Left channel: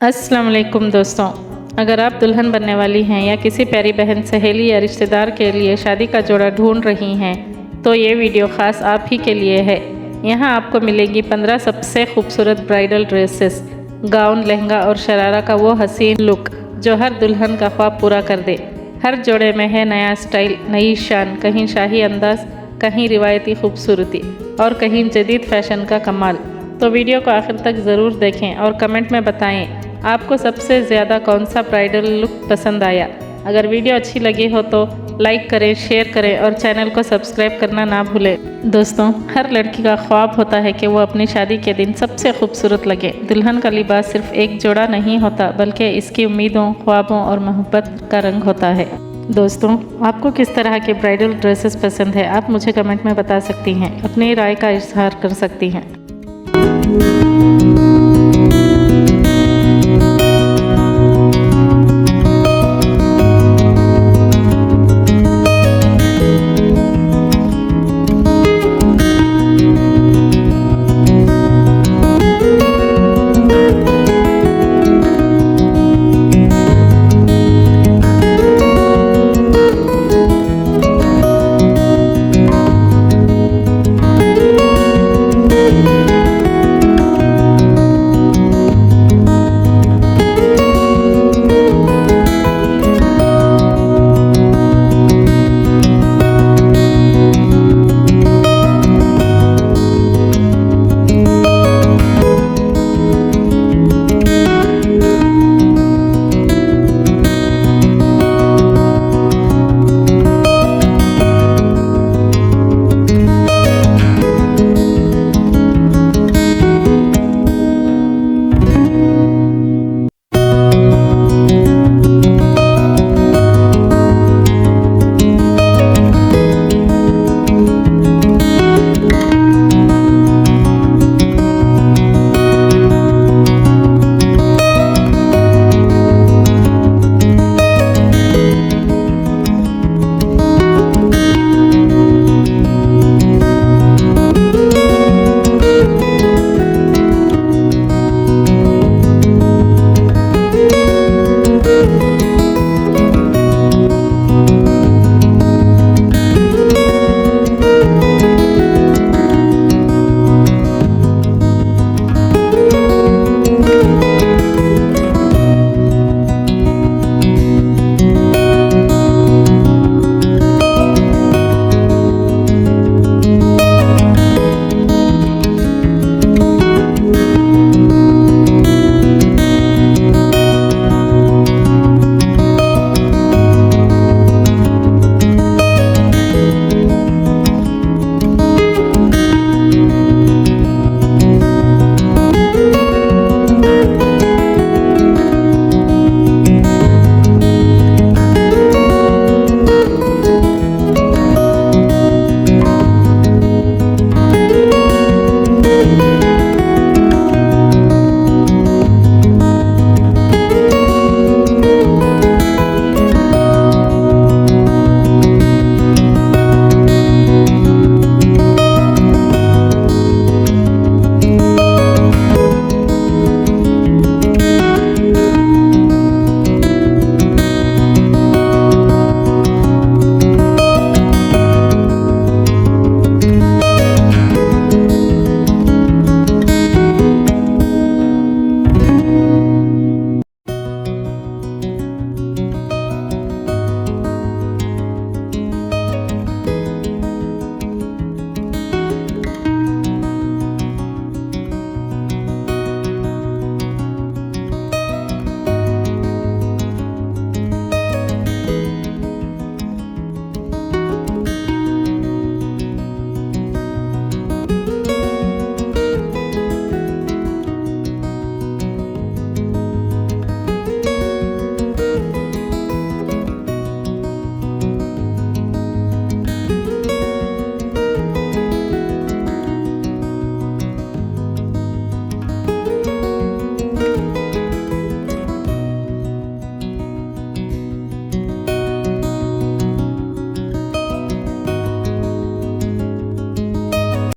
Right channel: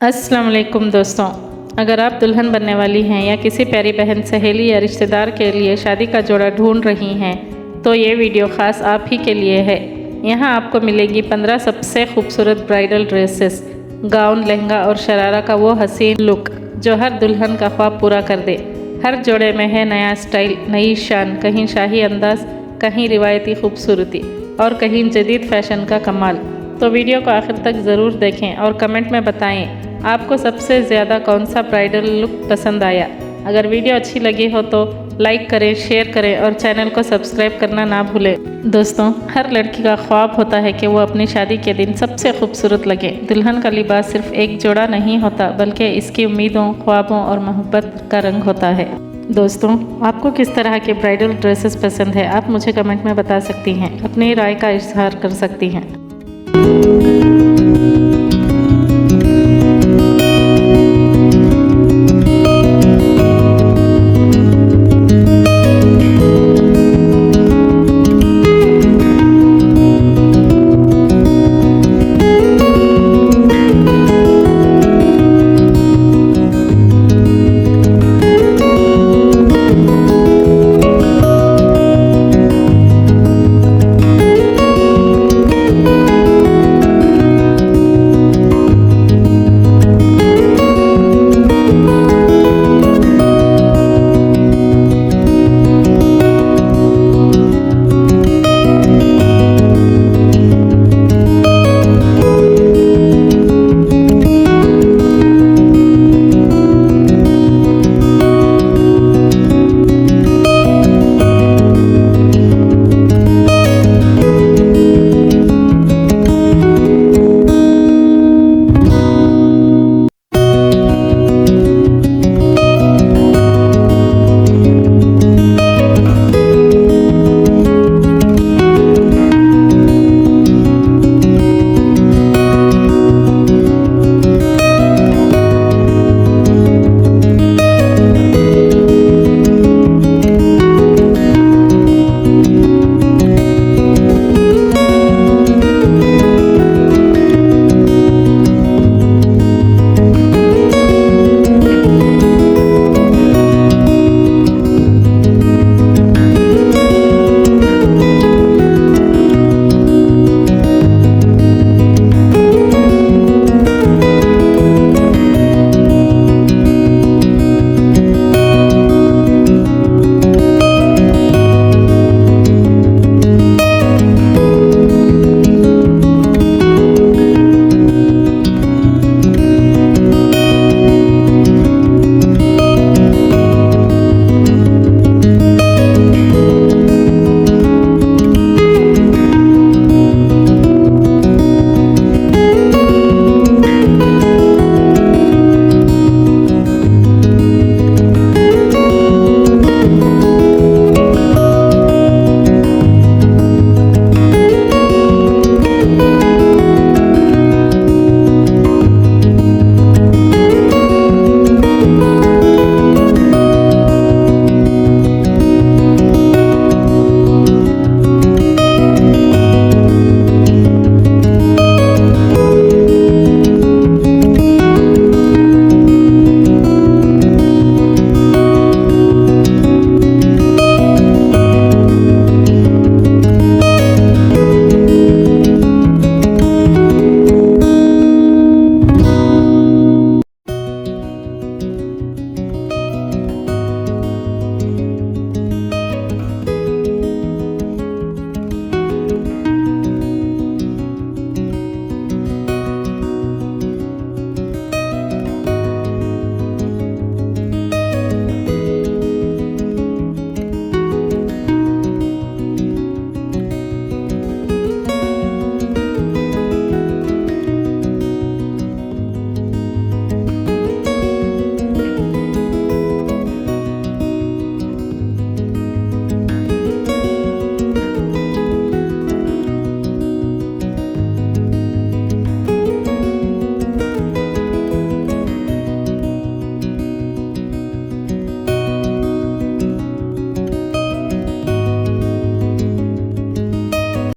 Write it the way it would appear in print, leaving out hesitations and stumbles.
अस्सलाम वालेकुम दोस्तों, अगर आप दुल्हन बनने वाली हैं या किसी प्यारी बहन, सहेली या रिश्तेदार के लिए शादी का जोड़ा ढूंढ रही हैं तो ये वीडियो ख़ास आप ही के लिए है। यहाँ आपको मिलेगी 15 सबसे खूबसूरत ब्राइडल ड्रेसेस, गाउन, लहंगा और शरारा का वो हसीन लुक जो हर दुल्हन का ख्वाब पूरा कर दे। हर जोड़े में है नया स्टाइल, नई शान, कहीं शाही अंदाज, कहीं रिवायती खूबसूरती और कहीं जदीद फैशन का कमाल। तो वीडियो को आखिर तक ज़रूर देखें और कमेंट में बताएं आपको सबसे ज़्यादा कौन सा ब्राइडल लुक पसंद आया। अगर वीडियो अच्छी लगी हो तो लाइक करें, शेयर करें और चैनल को सब्सक्राइब करना ना भूलें। दोस्तों, हर लड़की का ख्वाब होता है कि वो अपनी शादी के दिन सबसे खूबसूरत लगे। दुल्हन का लिबास सिर्फ एक जोड़ा नहीं होता, बल्कि इसकी उम्मीदों, ख्वाबों और मोहब्बत का रंग होता है। दोस्तों, आपको किस तरह के ब्राइडल ड्रेसेस पसंद है, आप मुझे कमेंट में बता सकती हैं, अपनी राय का इजहार कर सकती हैं।